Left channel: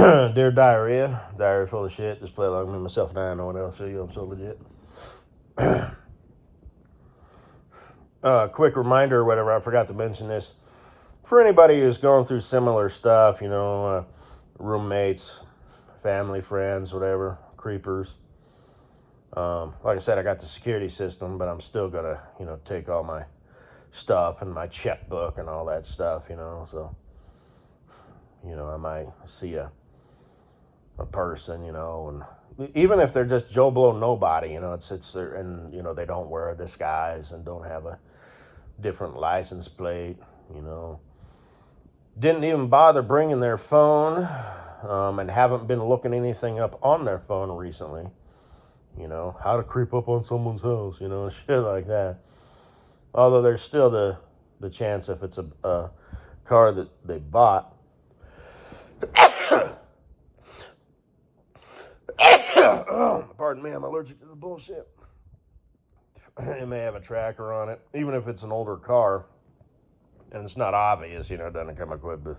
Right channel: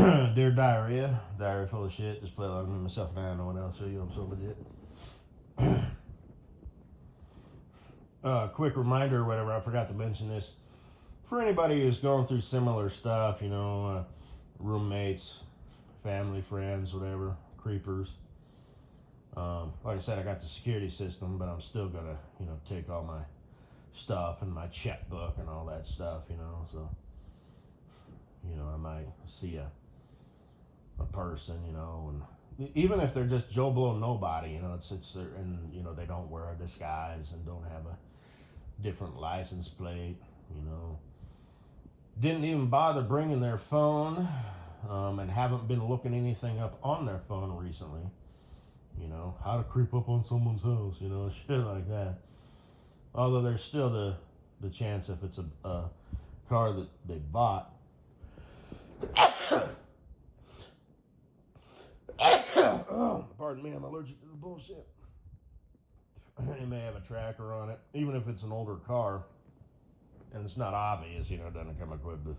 Dear Diarrhea, Diarrhea full of shit. Just play along with me, myself, and I. No one else. So you, I'm so legit. Quick reminder, or whatever. I forgot to mention this for anybody who's going through similar stuff. Roommates, family, friends, whatever, creepers. Like I said, I got the security system, but I'm still gonna, take all my stuff and my checkbook and all that stuff. So I might see a person, and even if they're just Joe Blow nobody, it's and they don't wear a disguise and don't have a different license plate, you know, didn't even bother bringing their phone, and haven't been looking anything up on their phone recently, how to creep up on someone's house, shit like that. Although there's still the chance if it's a car that they bought. Oh, pardon me, I'm allergic to the bullshit. It may have a tracker on it, even if it's an older car and it's not obvious, it doesn't come equipped with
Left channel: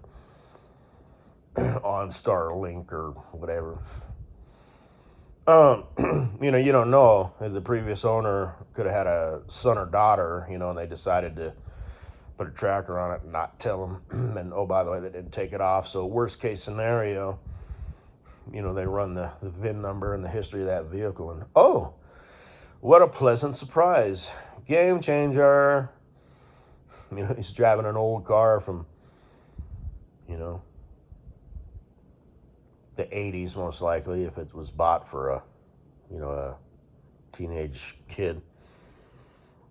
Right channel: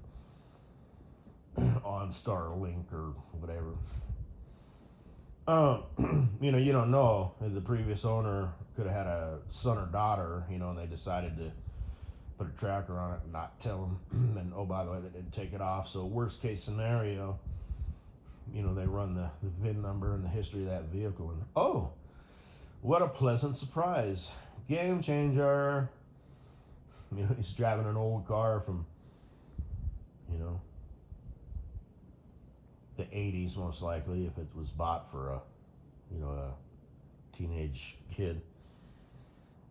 OnStar Link or whatever. You don't know if the previous owner could have had a son or daughter, and they decided to put a tracker on it and not tell them. And oh, by the way, they didn't take it off. So worst case scenario, they run the VIN number and the history of that vehicle, and oh, what a pleasant surprise. Game changer. He's driving an old car from, the 80s, most likely, if it was bought for a teenage kid.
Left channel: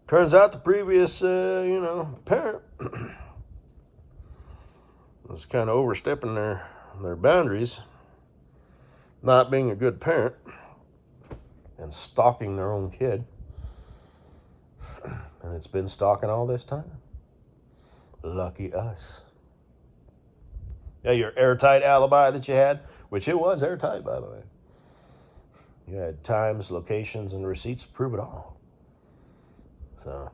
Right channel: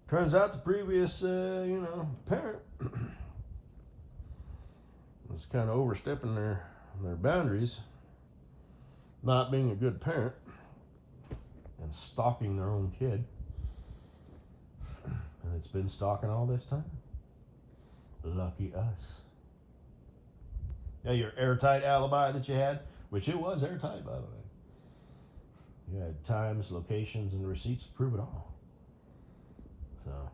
Turns out the previous, parent was kind of overstepping their boundaries, not being a good parent, and stalking their own kid. And it's been stalking all this time. Lucky us. Yeah, your airtight alibi that you had, which it was airtight, by the way. You had times, locations, and receipts to prove it all. So,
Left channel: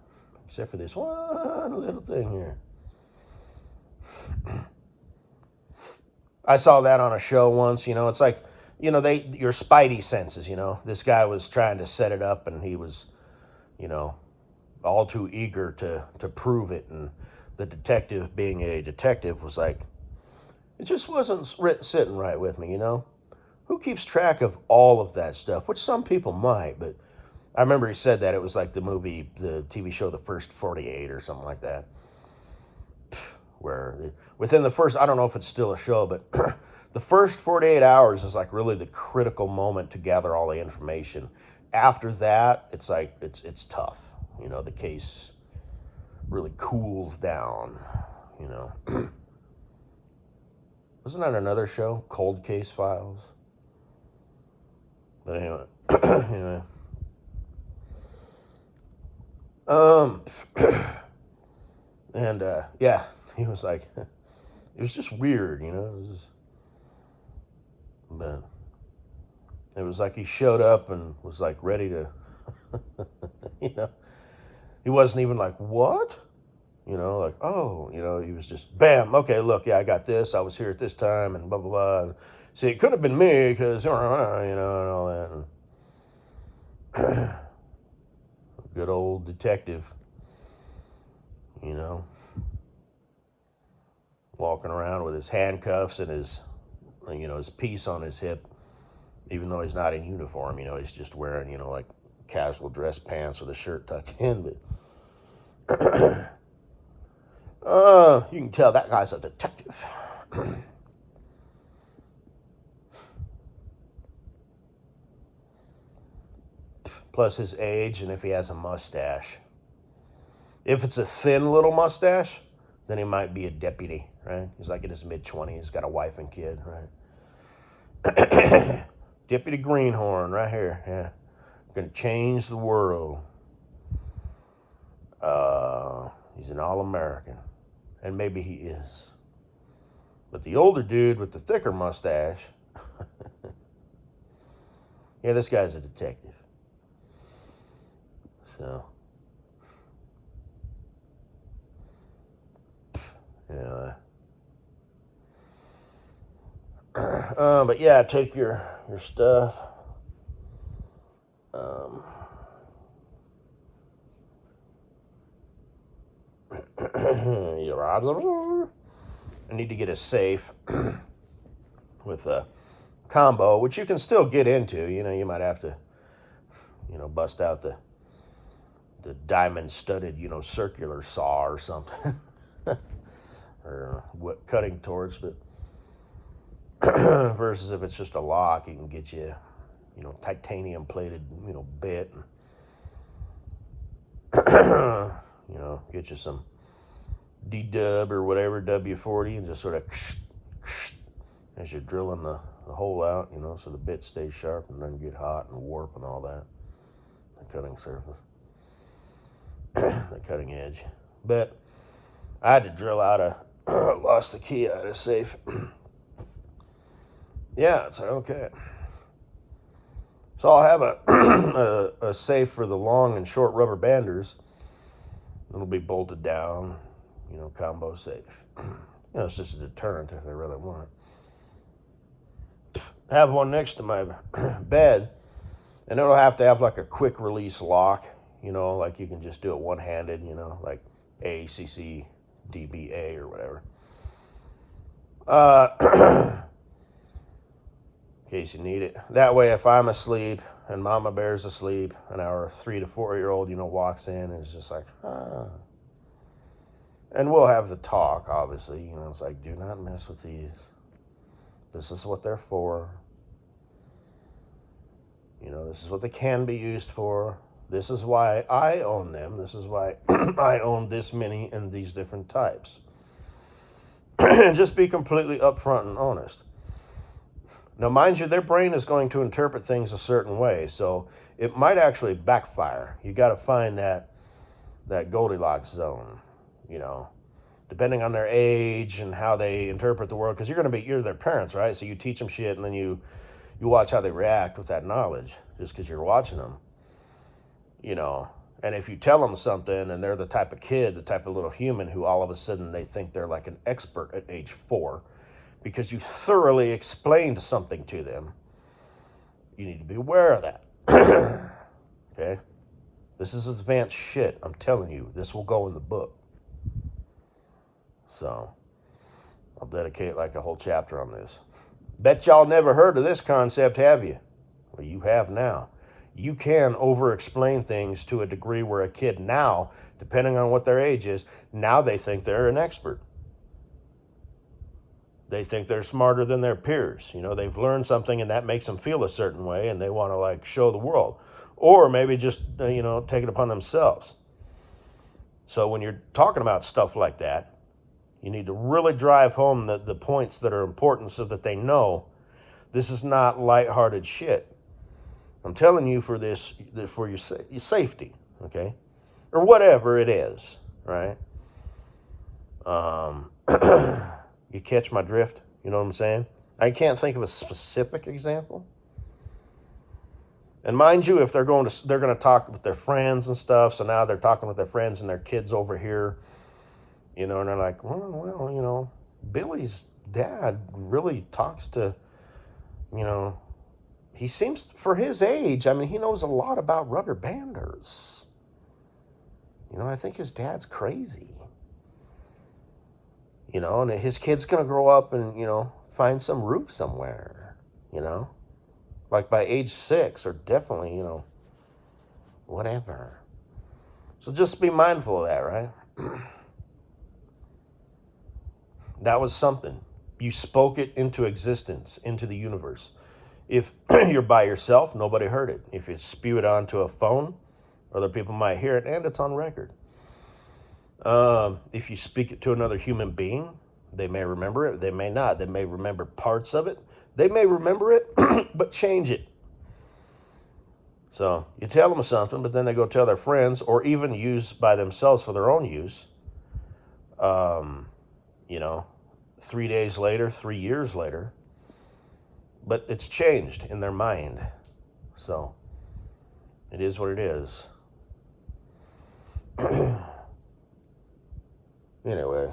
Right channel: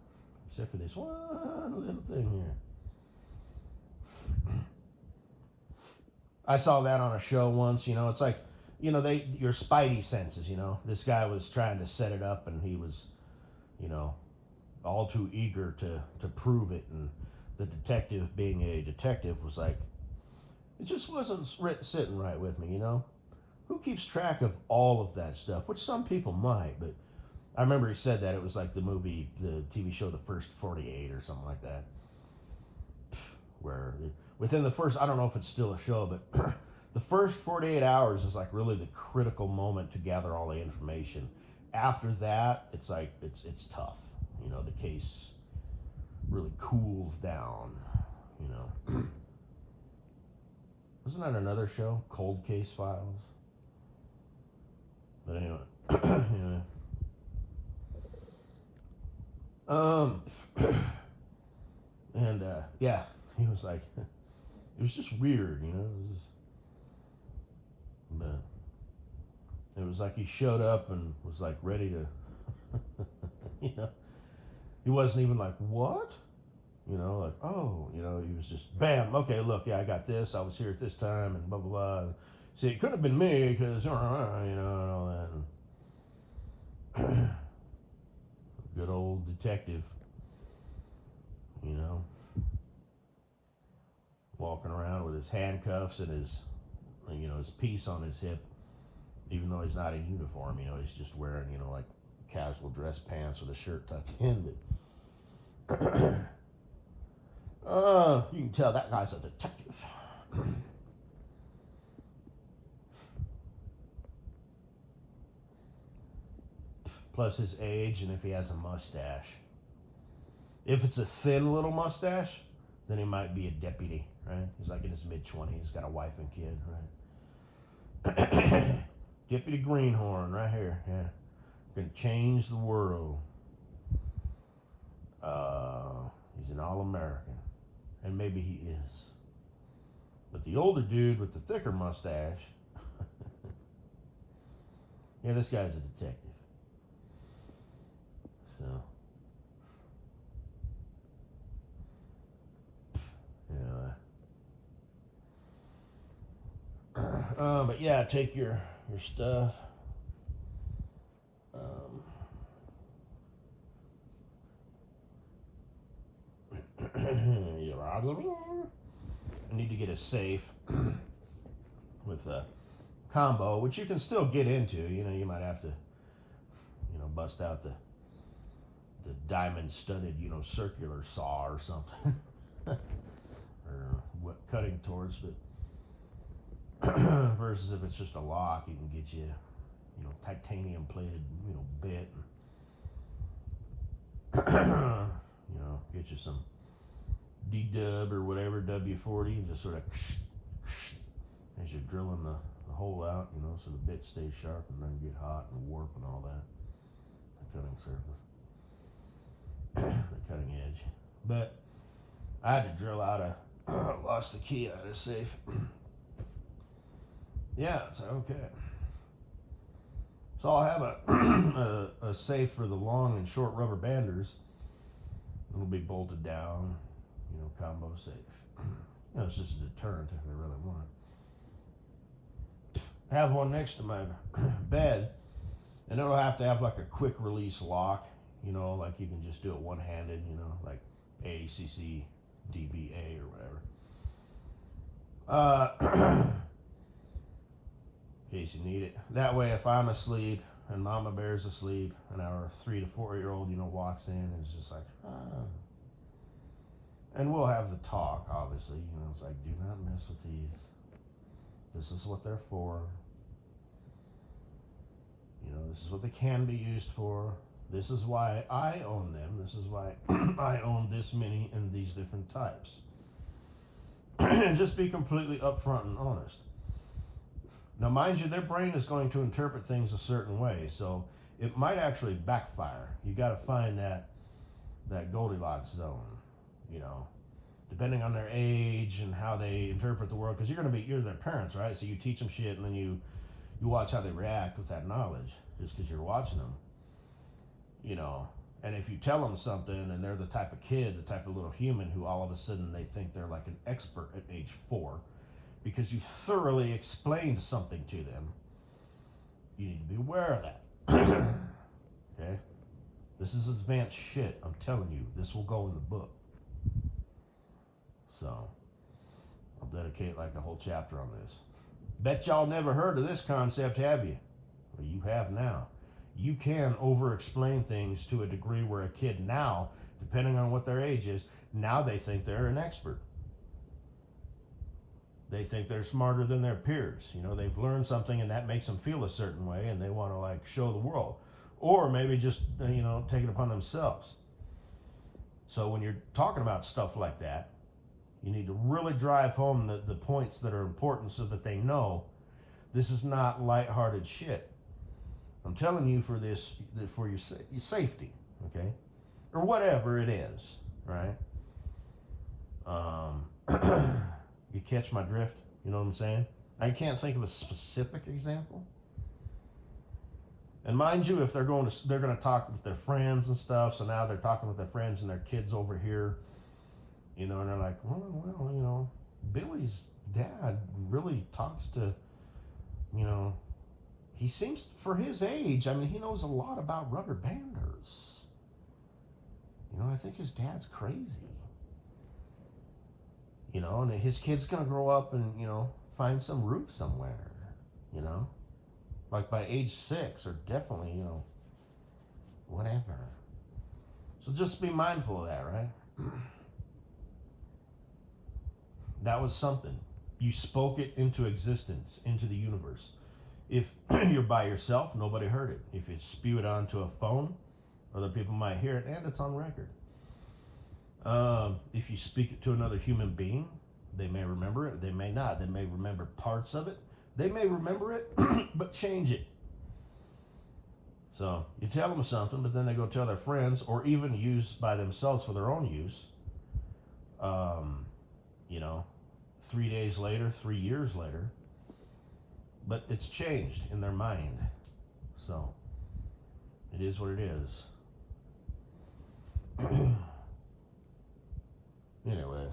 except for this one little thing here. I saw that on a show once, it's like, your spidey senses, this guy was trying to set it up and he was, all too eager to prove it. And the detective, being a detective, was like, it just wasn't sitting right with me, Who keeps track of all of that stuff? Which some people might, but I remember he said that it was like the TV show, The First 48 or something like that. Where within the first, I don't know if it's still a show, but the first 48 hours is like really the critical moment to gather all the information. After that, it's like, it's tough. The case really cools down, Wasn't that another show? Cold Case Files? But anyway, anyway. And yeah, he was like, it was just weird, but it was like he showed up and was like ready to, he wasn't even like, what? Like, oh, he was just, bam, okay, look, yeah, I got this, I was here at this time, and blah, blah, blah. See, it could have been me, because, and all that. Good old detective, walking around with his handcuffs and his piece on his hip, even though he's not in uniform, he's just wearing, like casual dress pants with a shirt tucked in, but you can tell that guy's a detective. Plus his age, and if he has a mustache. If it's a thin little mustache, then he might be a deputy, right? He's like in his mid-20s, he's got a wife and kid, right? Deputy Greenhorn, right here, yeah. Gonna change the world. He's an all-American, and maybe he is. But the older dude with the thicker mustache, yeah, this guy's a detective. So, yeah. But yeah, take your stuff. I need to get a safe with a combo, which you can still get into. You know, you might have to, bust out the diamond studded, circular saw or something, or what cutting torch. But versus if it's just a lock, you can get you, titanium plated, bit. Get you some D-dub or whatever, W40, and just sort of as you're drilling the hole out, so the bit stays sharp and doesn't get hot and warp and all that. The cutting surface, the cutting edge. But I had to drill out lost the key out of the safe. Yeah, it's okay. So I'll have a safe for the long and short rubber banders. It'll be bolted down, combo safe. It's just a deterrent if they really want it. Have one next to my bed, and it'll have to have like a quick release lock, like you can just do it one-handed, like ACC DBA or whatever. In case you need it. That way, if I'm asleep and Mama Bear's asleep, and our 3 to 4 year old, walks in and is just like, ah. And we'll have the talk, obviously. It's like, do not mess with these. This is what they're for. This is what they can be used for. This is why I own them. This is why I own this many and these different types. And just be completely upfront and honest. Now, mind you, their brain is going to interpret things a certain way, so it might actually backfire. You got to find that Goldilocks zone, depending on their age and how they interpret the world, because you're their parents, right? So you teach them shit, and then you watch how they react with that knowledge, just because you're watching them, And if you tell them something, and they're the type of kid, the type of little human who all of a sudden they think they're like an expert at age 4, because you thoroughly explained something to them, you need to be aware of that. Okay? This is advanced shit. I'm telling you, this will go in the book. So, I'll dedicate like a whole chapter on this. Bet y'all never heard of this concept, have you? Well, you have now. You can over-explain things to a degree where a kid now, depending on what their age is, now they think they're an expert. They think they're smarter than their peers. They've learned something and that makes them feel a certain way and they want to show the world. Or maybe just, take it upon themselves. So when you're talking about stuff like that, you need to really drive home the points that are important so that they know this is not lighthearted shit. I'm telling you for your safety, okay? Or whatever it is, right? You catch my drift? You know what I'm saying? I can't think of a specific example. And mind you, if they're going to talk with their friends and stuff, so now they're talking with their friends and their kids over here, and they're like, well, Billy's dad really talks to, he seems, for his age, he knows a lot about rubber banders. I think his dad's crazy. And his kid's going to grow up and, find some roof somewhere, like by age 6 or definitely, whatever. So just be mindful of that, right? That was something. You spoke it into existence, into the universe. If you're by yourself, nobody heard it. If you spew it onto a phone, other people might hear it, and it's on record. If you speak it to another human being, they may remember it, they may not. They may remember parts of it. They may remember it, but change it. So you tell them something, but then they go tell their friends, or even use by themselves for their own use. 3 days later, 3 years later, but it's changed in their mind. So it is what it is. Anyway,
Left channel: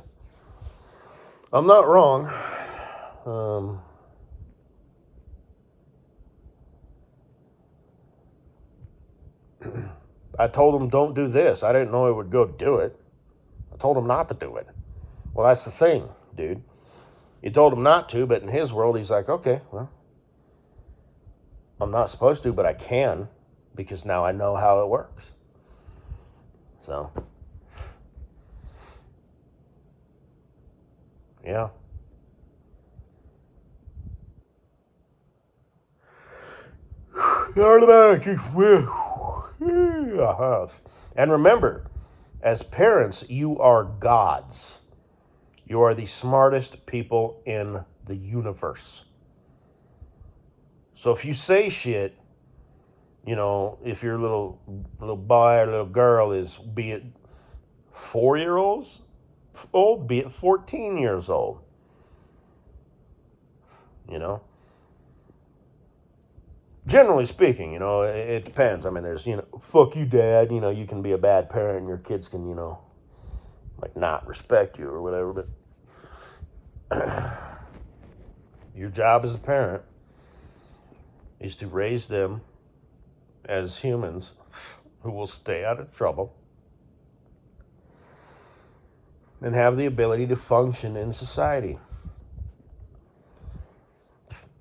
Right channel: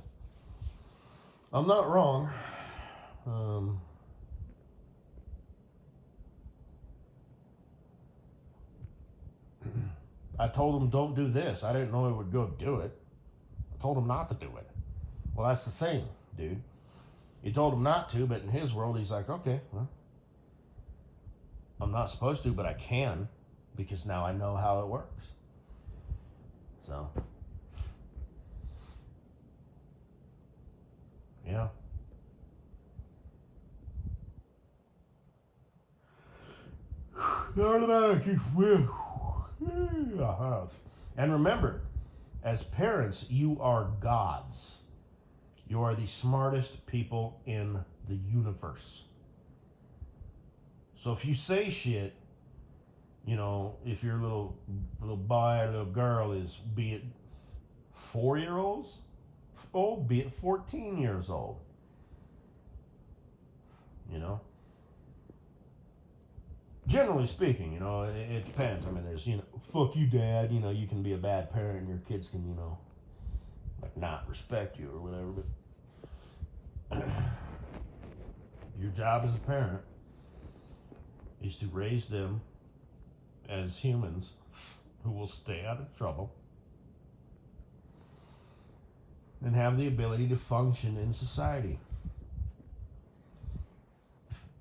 I'm not wrong. I told him don't do this. I didn't know he would go do it. I told him not to do it. Well, that's the thing, dude. You told him not to, but in his world, he's like, okay, well, I'm not supposed to, but I can because now I know how it works. So, yeah. And remember, as parents, you are gods. You are the smartest people in the universe. So if you say shit, if your little boy or little girl is, be it 4 years old, be it 14 years old, generally speaking, it depends. I mean, there's, fuck you, dad. You can be a bad parent and your kids can, like not respect you or whatever. But your job as a parent is to raise them as humans who will stay out of trouble and have the ability to function in society.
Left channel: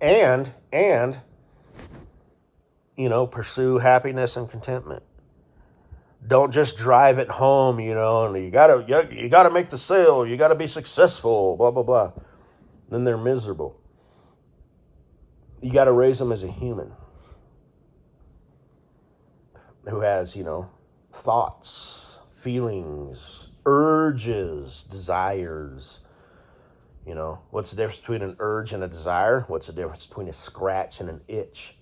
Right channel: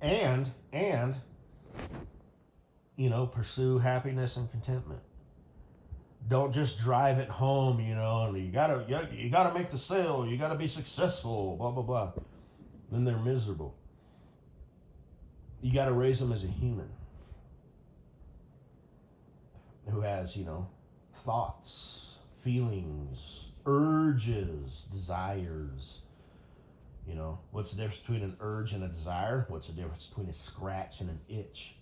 And pursue happiness and contentment. Don't just drive it home, and you gotta make the sale, you gotta be successful, blah blah blah. Then they're miserable. You gotta raise them as a human who has, thoughts, feelings, urges, desires. What's the difference between an urge and a desire? What's the difference between a scratch and an itch?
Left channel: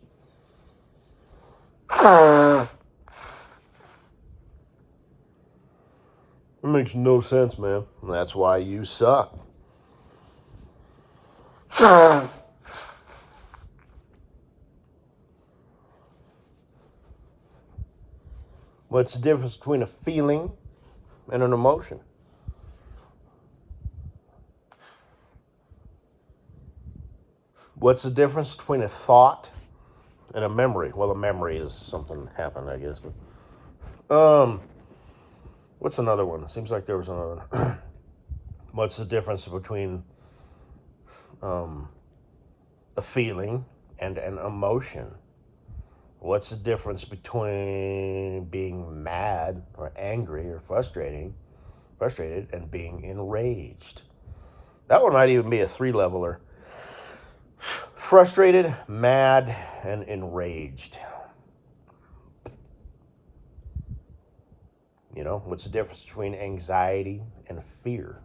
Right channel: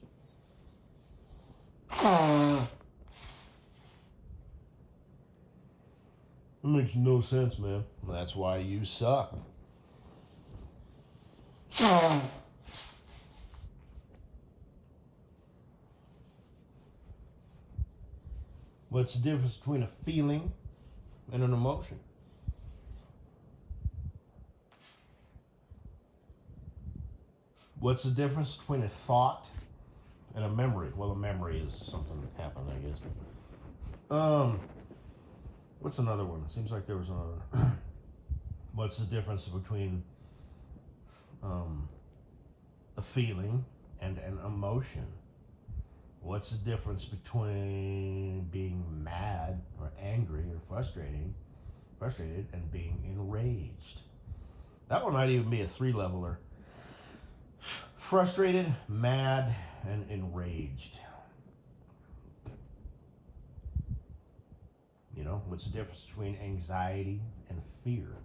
It makes no sense, man. That's why you suck. What's the difference between a feeling and an emotion? What's the difference between a thought and a memory? Well, a memory is something that happened, I guess. What's another one? Seems like there was another one. What's the difference between a feeling and an emotion? What's the difference between being mad or angry or frustrated and being enraged? That one might even be a 3-leveler. Frustrated, mad, and enraged. What's the difference between anxiety and fear?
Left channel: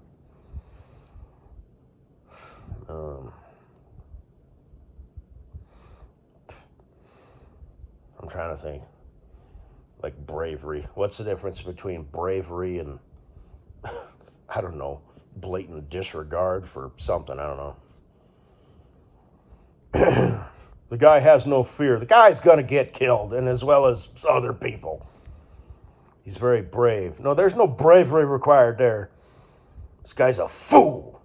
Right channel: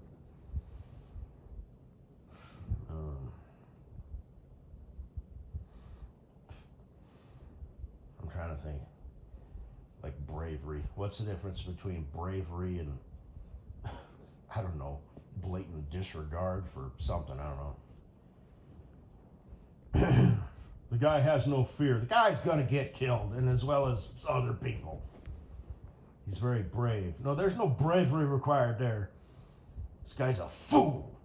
I'm trying to think. Like bravery. What's the difference between bravery and, I don't know, blatant disregard for something? I don't know. The guy has no fear. The guy's going to get killed, and as well as other people. He's very brave. No, there's no bravery required there. This guy's a fool.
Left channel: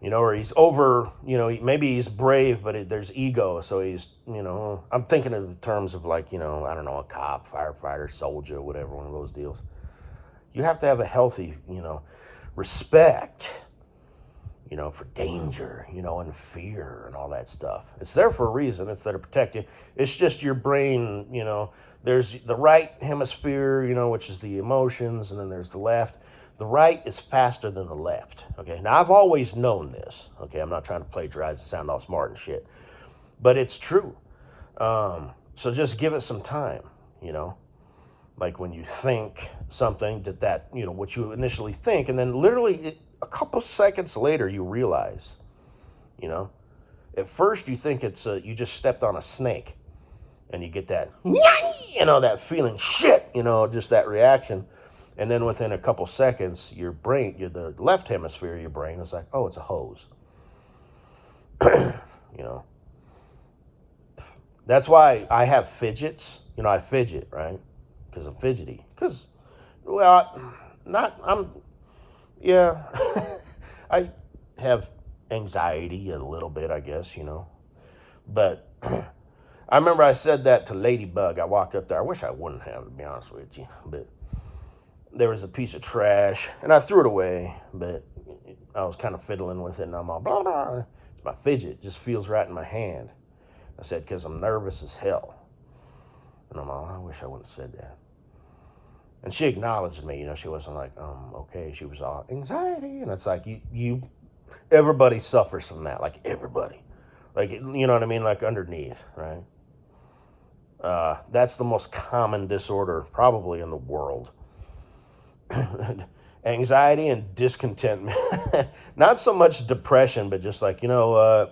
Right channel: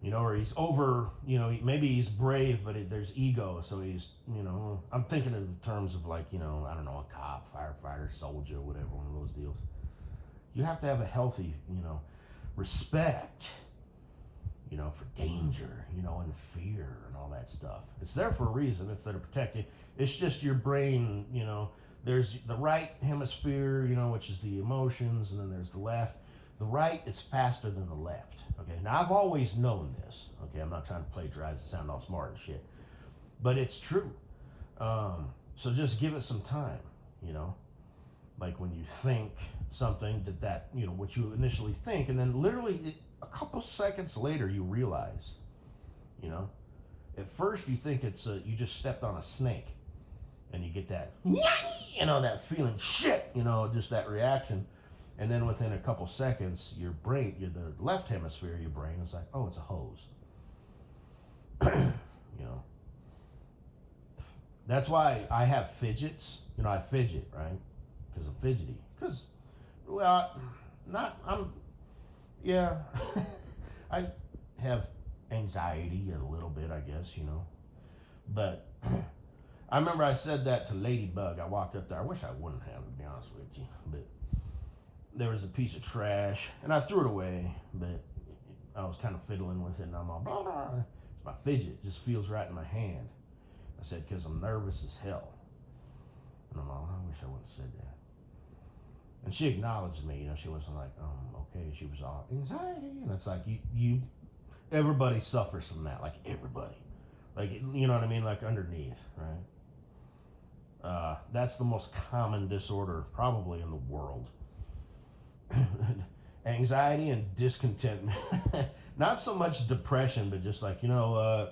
Or he's over, maybe he's brave, but there's ego. So he's, I'm thinking in terms of like, I don't know, a cop, firefighter, soldier, whatever, one of those deals. You have to have a healthy, respect, for danger, and fear and all that stuff. It's there for a reason. It's there to protect you. It's just your brain, there's the right hemisphere, which is the emotions, and then there's the left. The right is faster than the left. Okay, now I've always known this. Okay, I'm not trying to plagiarize and sound all smart and shit, but it's true. So just give it some time. Like when you think something that what you initially think, and then literally a couple seconds later you realize, at first you think it's you just stepped on a snake, and you get that, that feeling, shit, just that reaction. And then within a couple seconds, your brain, the left hemisphere of your brain is like, oh, it's a hose. That's why I have fidgets. I fidget, right? Because I'm fidgety. I have anxiety a little bit, I guess, but I remember I said that to Ladybug. I walked up there. I wish I wouldn't have, to be honest with you. But there was a piece of trash, and I threw it away. But I was kind of fiddling with it, and I'm all blah blah. My fidget just feels right in my hand. I said, because I'm nervous as hell. And I'm all, I wish I wouldn't have said that. And she acknowledged me. She wasn't like, okay. She was all anxiety, and it's like everybody suffers from that. Like everybody, like you know what I mean. Like underneath, right? That's the most common disorder probably in the world. Anxiety and discontentment. Not so much depression, but just like, I'm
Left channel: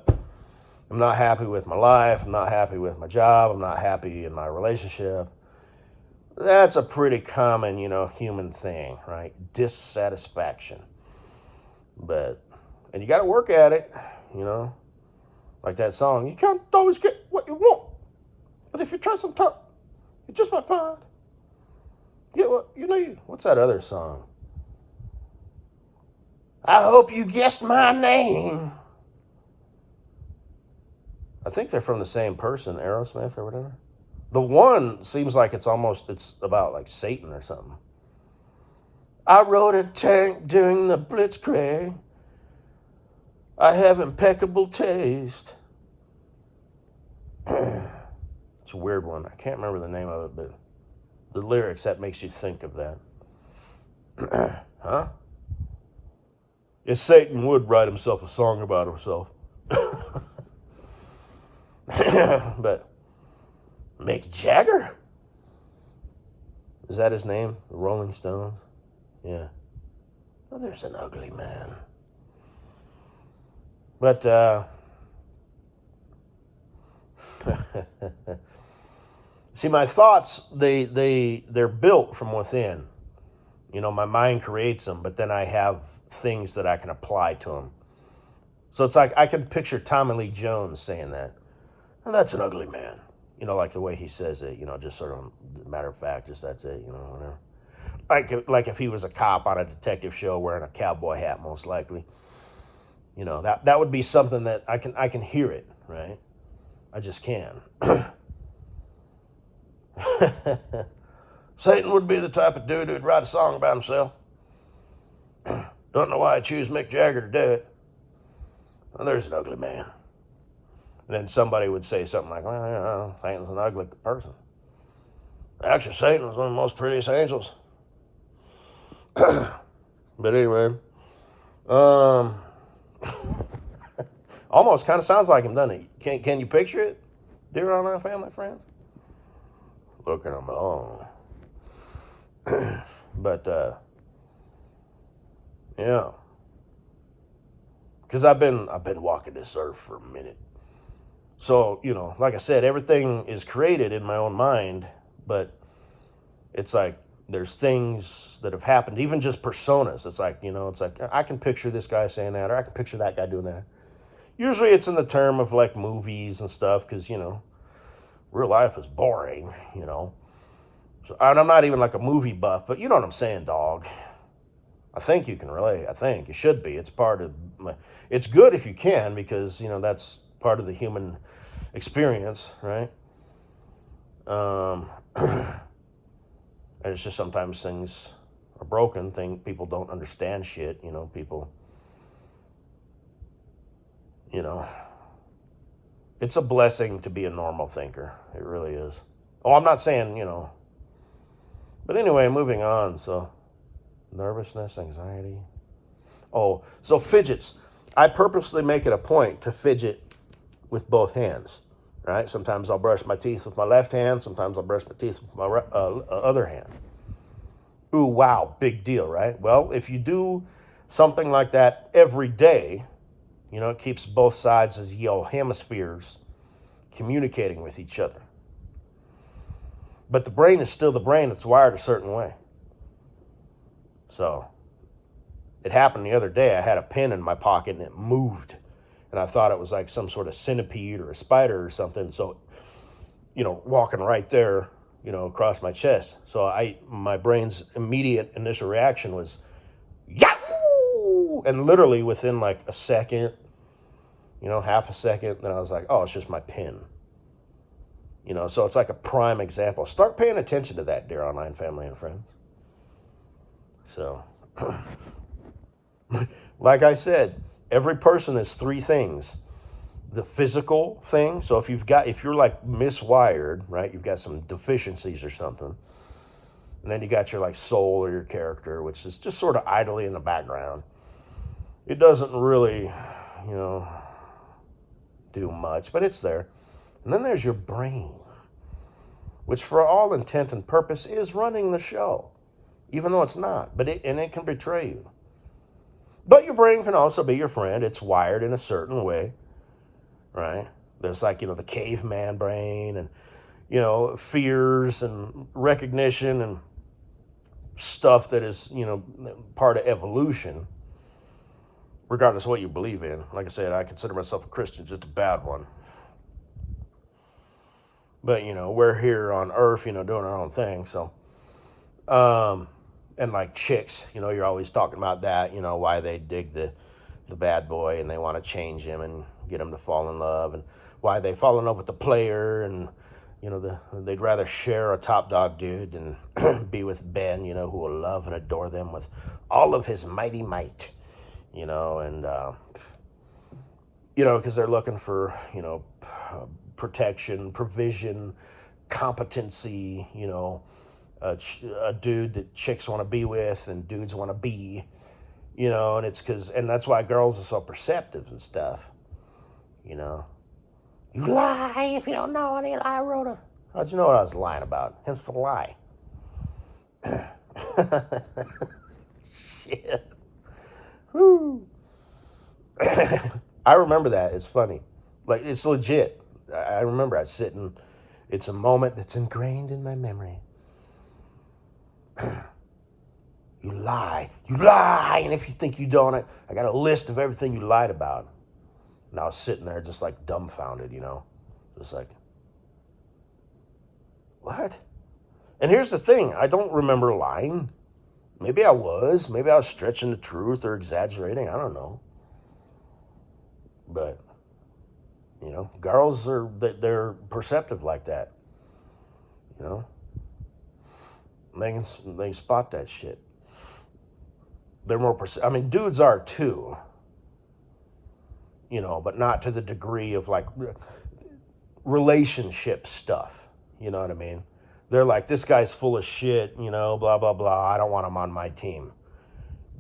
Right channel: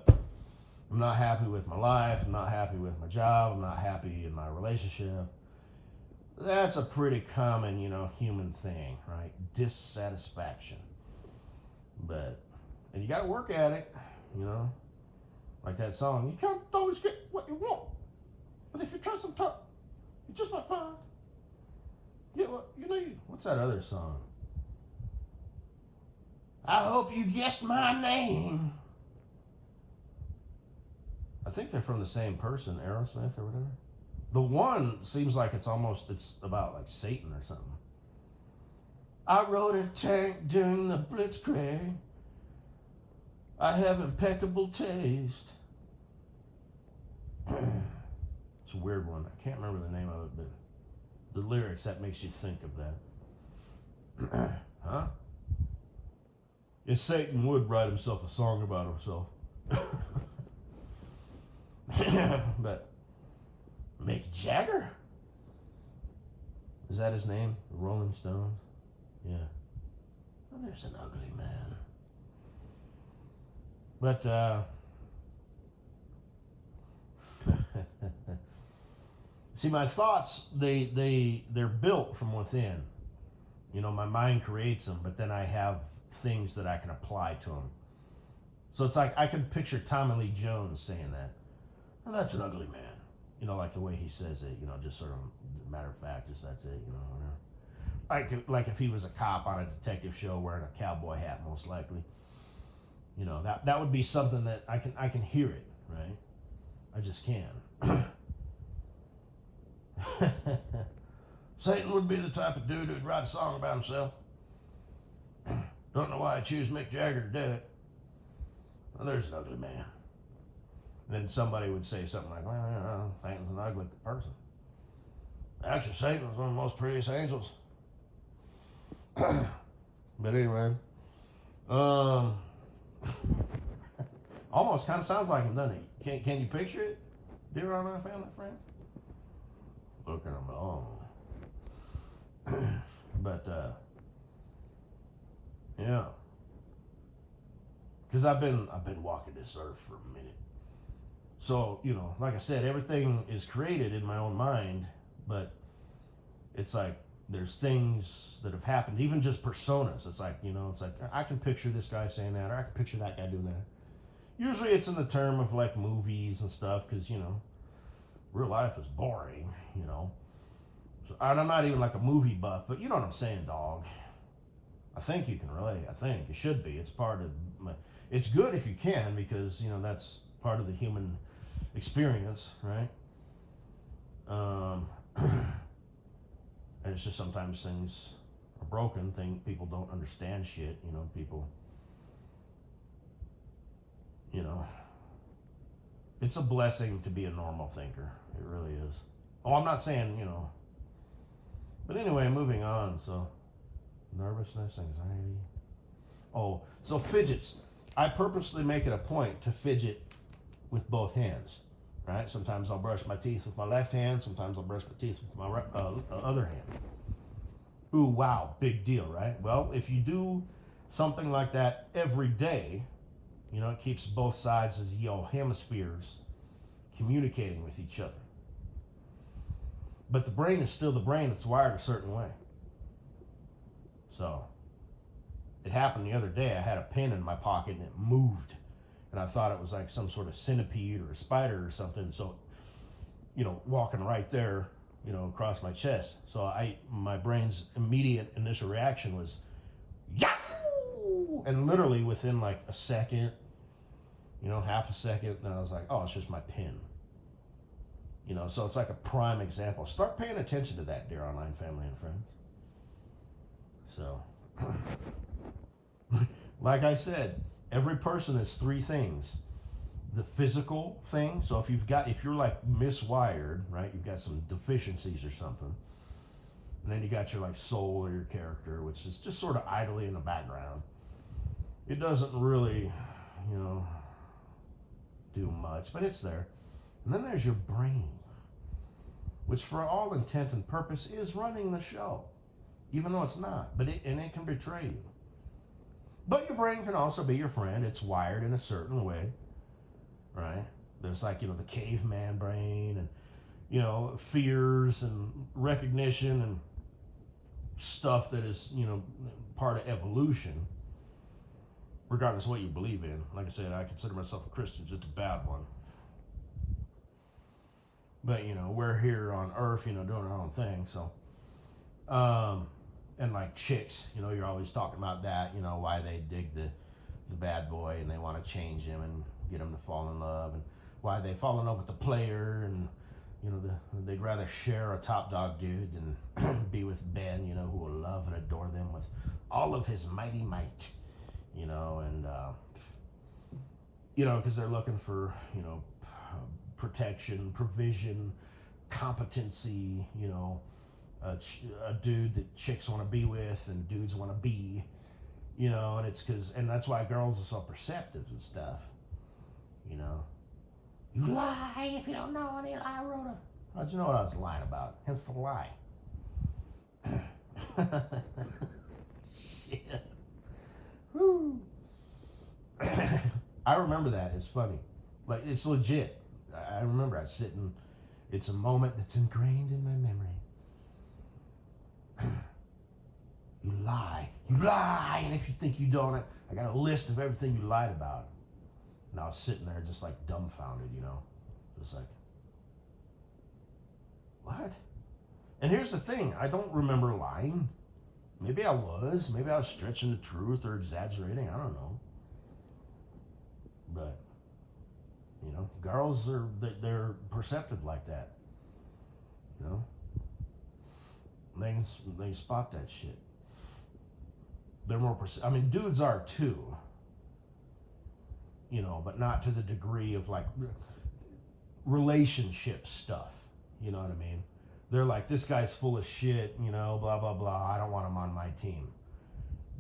not happy with my life. I'm not happy with my job. I'm not happy in my relationship. That's a pretty common, human thing, right? Dissatisfaction. And you got to work at it, like that song. You can't always get what you want, but if you try some tough, you just might find. Yeah, well, what's that other song? I hope you guessed my name. I think they're from the same person, Aerosmith or whatever. The one seems like it's about like Satan or something. I rode a tank during the Blitzkrieg. I have impeccable taste. It's a weird one. I can't remember the name of it, but the lyrics, that makes you think of that. Huh? If Satan would write himself a song about himself. But Mick Jagger? Is that his name? The Rolling Stones? Yeah. Well, there's an ugly man. But, see, my thoughts, they're built from within. My mind creates them, but then I have things that I can apply to them. So it's like I can picture Tommy Lee Jones saying that. Well, that's an ugly man. Like the way he says it, just sort of matter of fact, just that's it, whatever. Like if he was a cop on a detective show wearing a cowboy hat, most likely. That would be something that I can hear it, right? I just can. Satan would be the type of dude who'd write a song about himself. Don't know why I choose Mick Jagger to do it. Well, there's an ugly man. And then somebody would say something like, well, Satan's an ugly person. Actually, Satan was one of the most prettiest angels. But anyway, almost kind of sounds like him, doesn't it? Can you picture it, dear online family friends? Look at him all. But yeah, because I've been walking this earth for a minute. So, like I said, everything is created in my own mind, but it's like there's things that have happened, even just personas. It's like, it's like I can picture this guy saying that, or I can picture that guy doing that. Usually it's in the term of like movies and stuff, because, real life is boring, So, and I'm not even like a movie buff, but you know what I'm saying, dog. I think you can relate. I think it should be. It's part of, it's good if you can, because, that's part of the human experience, right? And it's just sometimes things are broken. People don't understand shit. People. It's a blessing to be a normal thinker. It really is. Oh, I'm not saying But anyway, moving on. So, nervousness, anxiety. Oh, so fidgets. I purposely make it a point to fidget with both hands. Right? Sometimes I'll brush my teeth with my left hand. Sometimes I'll brush my teeth with my other hand. Ooh, wow, big deal, right? Well, if you do something like that every day, it keeps both sides of the hemispheres communicating with each other. But the brain is still the brain. It's wired a certain way. So, it happened the other day. I had a pen in my pocket and it moved. And I thought it was like some sort of centipede or a spider or something. So, walking right there, across my chest. So my brain's immediate initial reaction was, Yahoo! And literally within like a second, half a second, then I was like, oh, it's just my pen. You know, so it's like a prime example. Start paying attention to that, dear online family and friends. So, like I said, every person is three things. The physical thing. So if you're like miswired, right? You've got some deficiencies or something. And then you got your like soul or your character, which is just sort of idly in the background. It doesn't really, you know, do much, but it's there. And then there's your brain, which for all intent and purpose is running the show, even though it's not. But it can betray you. But your brain can also be your friend. It's wired in a certain way, right? There's like, you know, the caveman brain and, you know, fears and recognition and stuff that is, you know, part of evolution, regardless of what you believe in. Like I said, I consider myself a Christian, just a bad one. But, you know, we're here on Earth, you know, doing our own thing. So, and like chicks, you know, you're always talking about that, you know, why they dig the bad boy and they want to change him and get him to fall in love, and why they fall in love with the player, and you know they'd rather share a top dog dude than be with Ben, you know, who will love and adore them with all of his mighty might, you know, and you know, because they're looking for, you know, protection, provision, competency, you know, a dude that chicks want to be with and dudes want to be, you know, and it's because, and that's why girls are so perceptive and stuff, you know. You lie if you don't know any lie, Rhoda. How'd you know what I was lying about? Hence the lie. Shit. Woo. I remember that. It's funny. Like, it's legit. I remember I sitting. It's a moment that's ingrained in my memory. You lie. You lie. And if you think you don't, I got a list of everything you lied about. And I was sitting there just like dumbfounded, you know. Just like, what? And here's the thing. I don't remember lying. Maybe I was. Maybe I was stretching the truth or exaggerating. I don't know. But, you know, girls they're perceptive like that. You know. They can spot that shit. They're more I mean, dudes are too, you know, but not to the degree of like relationship stuff, you know what I mean? They're like, this guy's full of shit, you know, blah blah blah, I don't want him on my team.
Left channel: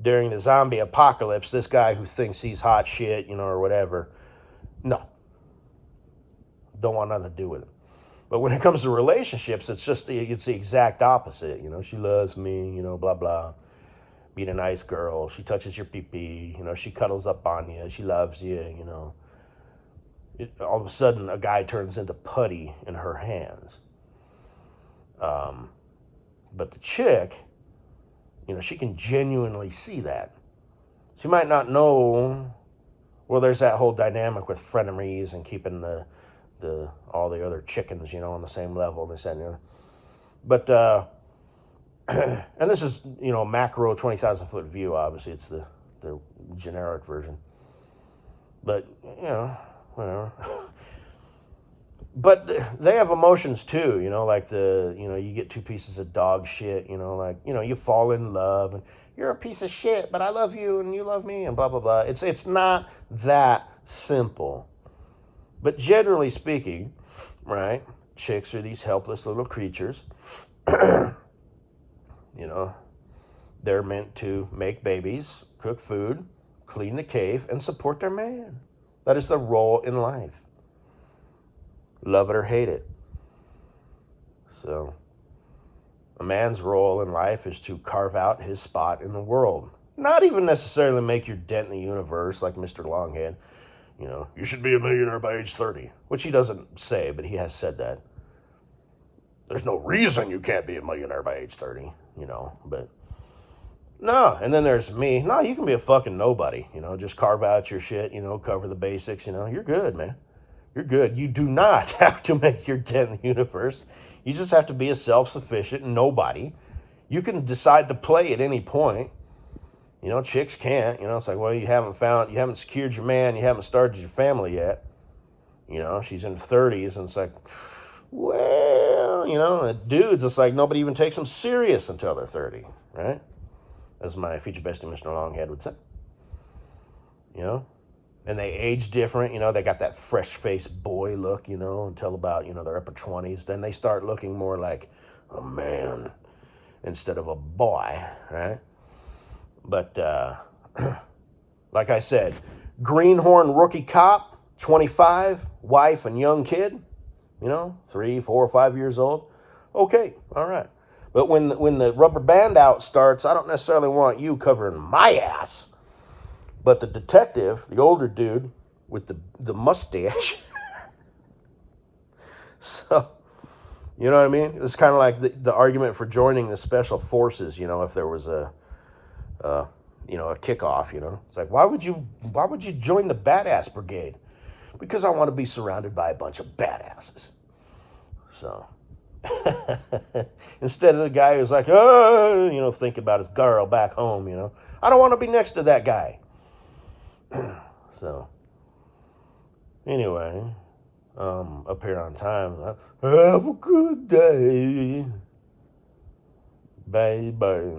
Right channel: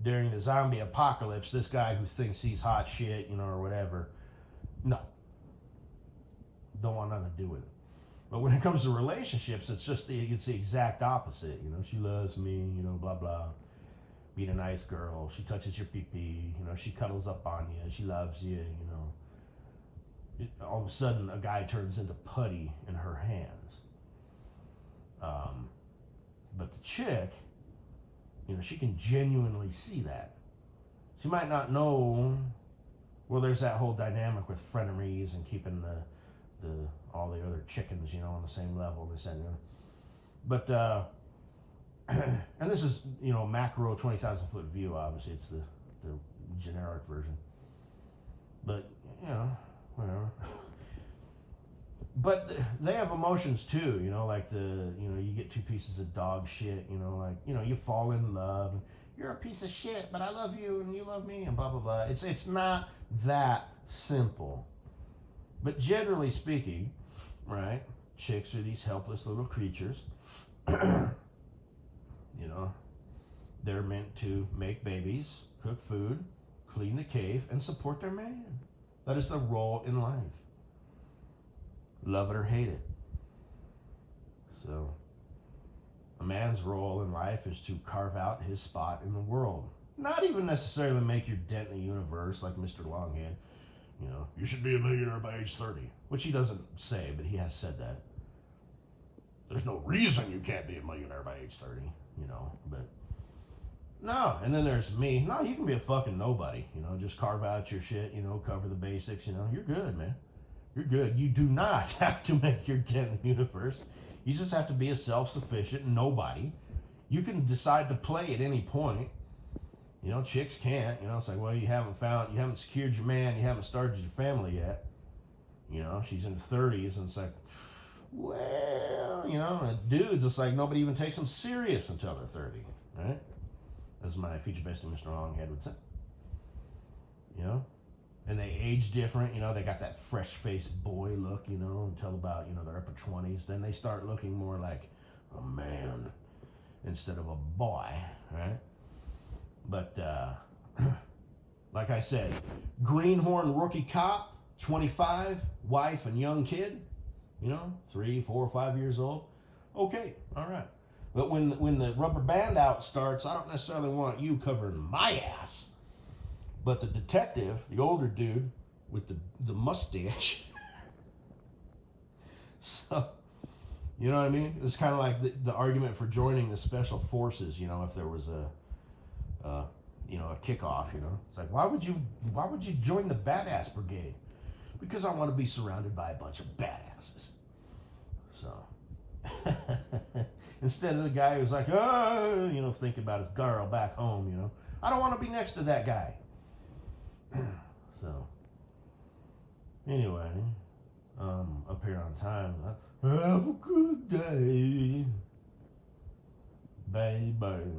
During the zombie apocalypse, this guy who thinks he's hot shit, you know, or whatever, no, don't want nothing to do with him. But when it comes to relationships, it's the exact opposite, you know. She loves me, you know, blah blah, being a nice girl. She touches your pee-pee, you know, she cuddles up on you, she loves you, you know. All of a sudden, a guy turns into putty in her hands. But the chick, you know, she can genuinely see that. She might not know, well, there's that whole dynamic with frenemies and keeping all the other chickens, you know, on the same level, this and the other. But, and this is, you know, macro 20,000 foot view, obviously, it's the generic version. But, you know, whatever. But they have emotions too, you know, like you know, you get two pieces of dog shit, you know, like, you know, you fall in love and you're a piece of shit, but I love you and you love me and blah, blah, blah. It's not that simple. But generally speaking, right, chicks are these helpless little creatures. You know, they're meant to make babies, cook food, clean the cave, and support their man. That is the role in life. Love it or hate it. So, a man's role in life is to carve out his spot in the world. Not even necessarily make your dent in the universe like Mr. Longhead. You know, you should be a millionaire by age 30. Which he doesn't say, but he has said that. There's no reason you can't be a millionaire by age 30, you know, but no. And then there's me. No, you can be a fucking nobody, you know, just carve out your shit, you know, cover the basics, you know, you're good, man. You're good. You do not have to make your dent in the universe. You just have to be a self-sufficient nobody. You can decide to play at any point. You know, chicks can't. You know, it's like, well, you haven't secured your man, you haven't started your family yet. You know, she's in her 30s, and it's like, Well, dudes, it's like nobody even takes them serious until they're 30, right? As my future bestie, Mr. Longhead, would say. You know? And they age different, they got that fresh faced boy look, until about, their upper 20s. Then they start looking more like a man instead of a boy, right? But, like I said, greenhorn rookie cop, 25, wife and young kid, 3, 4, 5 years old. Okay, all right. But when the rubber band out starts, I don't necessarily want you covering my ass. But the detective, the older dude with the mustache, so, you know what I mean? It's kind of like the argument for joining the special forces, if there was a kickoff, It's like, why would you join the badass brigade? Because I want to be surrounded by a bunch of badasses. So, instead of the guy who's like, think about his girl back home, I don't want to be next to that guy. So, anyway, up here on time. Have a good day, baby.